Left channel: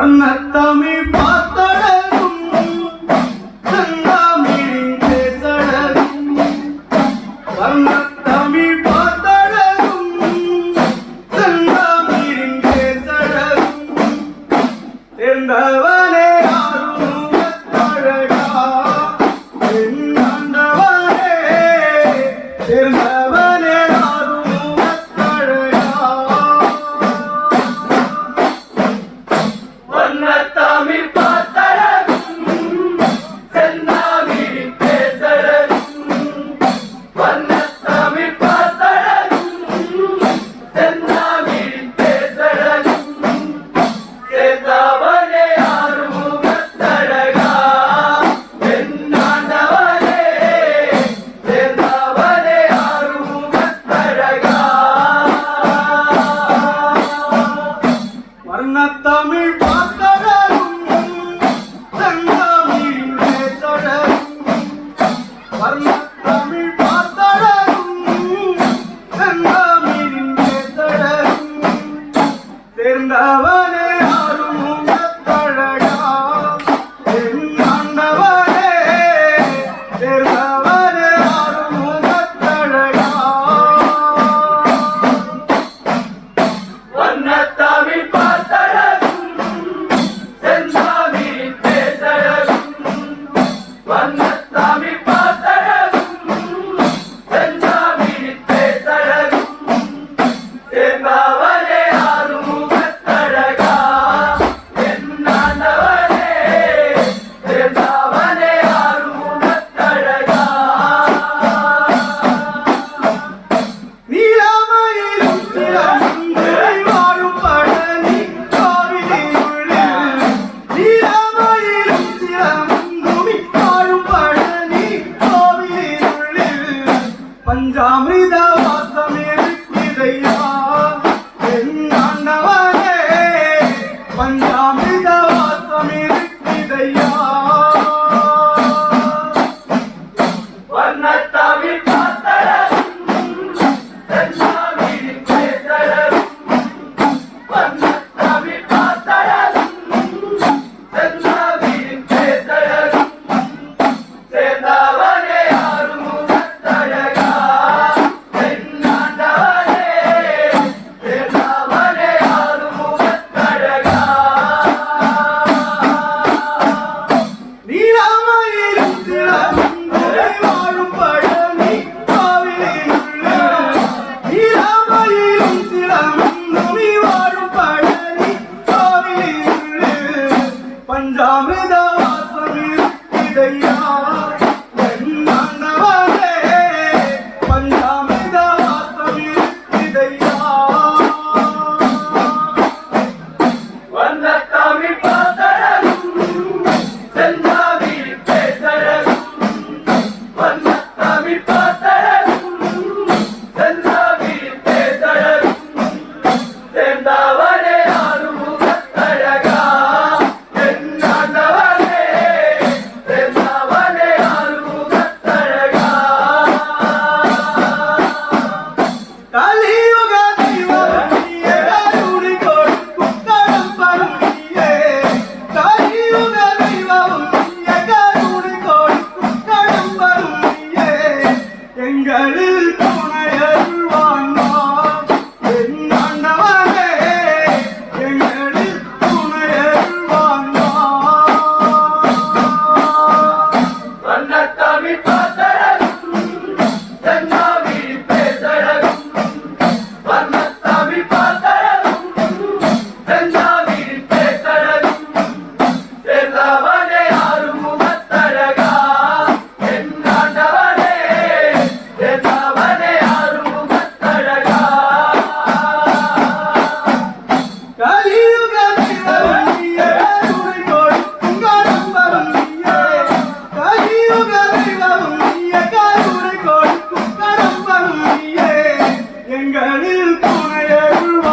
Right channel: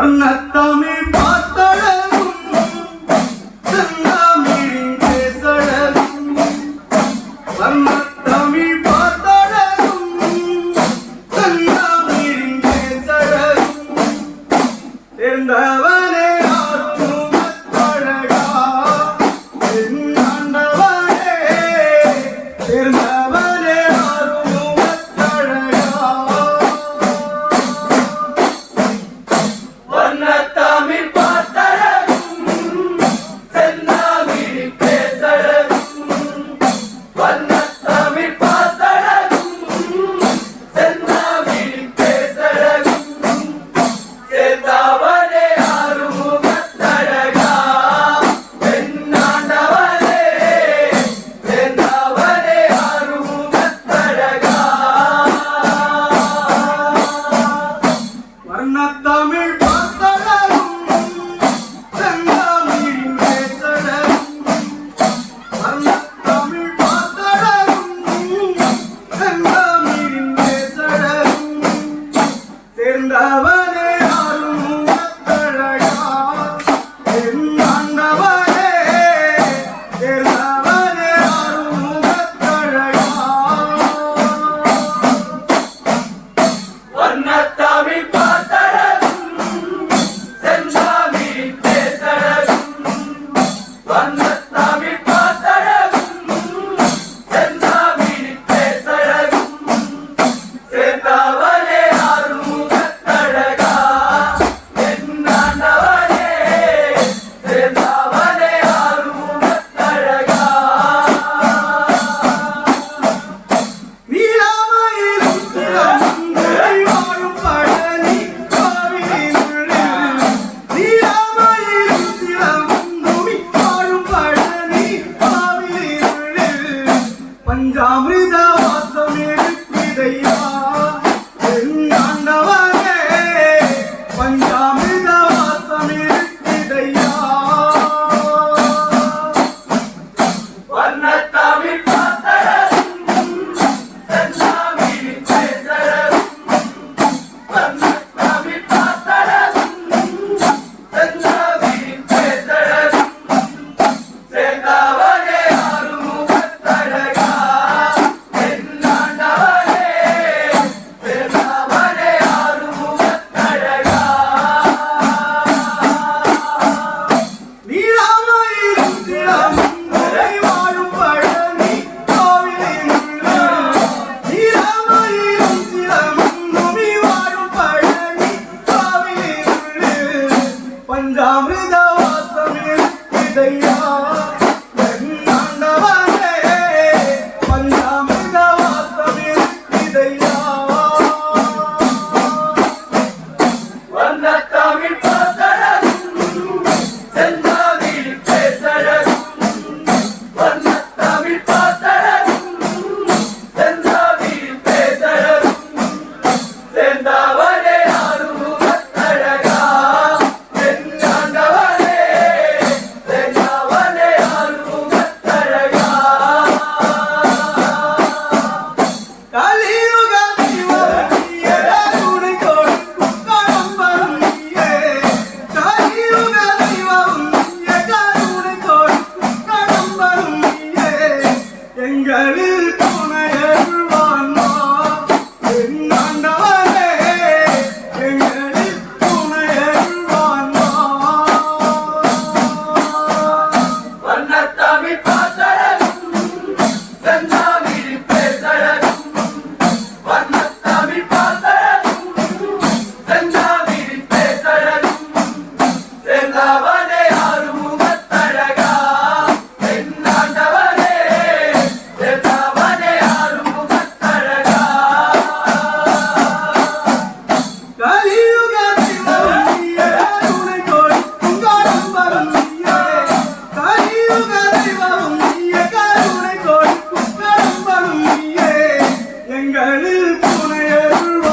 வர்ணத்தமிழ் பார்த்தழகும் செந்தாமிழின் பேசழகும் வர்ணத்தமிழ் பார்த்தழகும் செந்தாமிழின் பேசழகும் சேர்ந்தவனே ஆறுமுகத்தழகா என் ஆண்டவனே சேர்ந்தவனே தமிழ் பார்த்தழகும் செந்தாமிழின் பேசழகும் வண்ணத்தமிழ் பார்த்தழகும் செந்தாமிழின் பேசழகும் சேர்ந்தவனே ஆறுமுகத்தழகா என்னாண்டவனே சேர்ந்தவனே ஆறுமுகத்தழகா வர்ணத்தமிழ் சேர்ந்தவனே ஆறுமுகத்தழகா என் ஆண்டவனே சேர்ந்தவனே ஆறுமுகத்தழகா வண்ணத்தமிழ் பார்த்தழகும் செந்தாமிழின் பேசழகும் வண்ணத்தமிழ் பார்த்தழகும் செந்தாமிழின் பேசழகும் சேர்ந்தவனே பஞ்சாமிர்த வாசமே விதையா என் ஆண்டவனே பஞ்சாமிர்த வாசமே விதையா வண்ணத்தமிழ் பார்த்தழகும் செந்தாமிழின் பேசழகும் வண்ணத்தமிழ் பார்த்தழகும் செந்தாமிழின் பேசழகும் சேர்ந்தவனே ஆறுமுகத்தழகா என்னாண்டவனே சேர்ந்தவனே ஆறுமுகத்தழகா நீராமையிலும் சிலம்புரை வாழும் பழனி கோவிலினுள்ளே நீராமையிலும் சிலம்புரை வாழும் பழனி கோவிலினுள்ளே பஞ்சாமிர்த வாசமே விதையா என் ஆண்டவனே பஞ்சாமிர்த வாசமே விதையா வண்ணத்தமிழ் பார்த்தழகும் செந்தாமிழின் பேசழகும் வண்ணத்தமிழ் பார்த்தழகும் செந்தாமிழின் பேசழகும் சேர்ந்தவனே ஆறுமுகத்தழகா என் ஆண்டவனே சேர்ந்தவனே ஆறுமுகத்தழகா கலியுக தெய்வமே கருணை கொடுக்கும் கடம்பரும் நீயே கலியுக தெய்வமே கருணை கொடுக்கும் கடம்பரும் நீயே எங்களில் துணையருள்வான் என் ஆண்டவனே எங்களில் துணையருள்வான் வண்ணத்தமிழ் பார்த்தழகும் செந்தாமிழின் பேசழகும் வண்ணத்தமிழ் பார்த்தழகும் செந்தாமிழின் பேசழகும் சேர்ந்தவனே ஆறுமுகத்தழகா என் ஆண்டவனே சேர்ந்தவனே ஆறுமுகத்தழகா கலியுக தெய்வமே கருணை கொடுக்கும் கடம்பரும் நீயே கலியுக தெய்வமே கருணை கொடுக்கும் கடம்பரும் நீயே எங்களில் துணையருள்வான்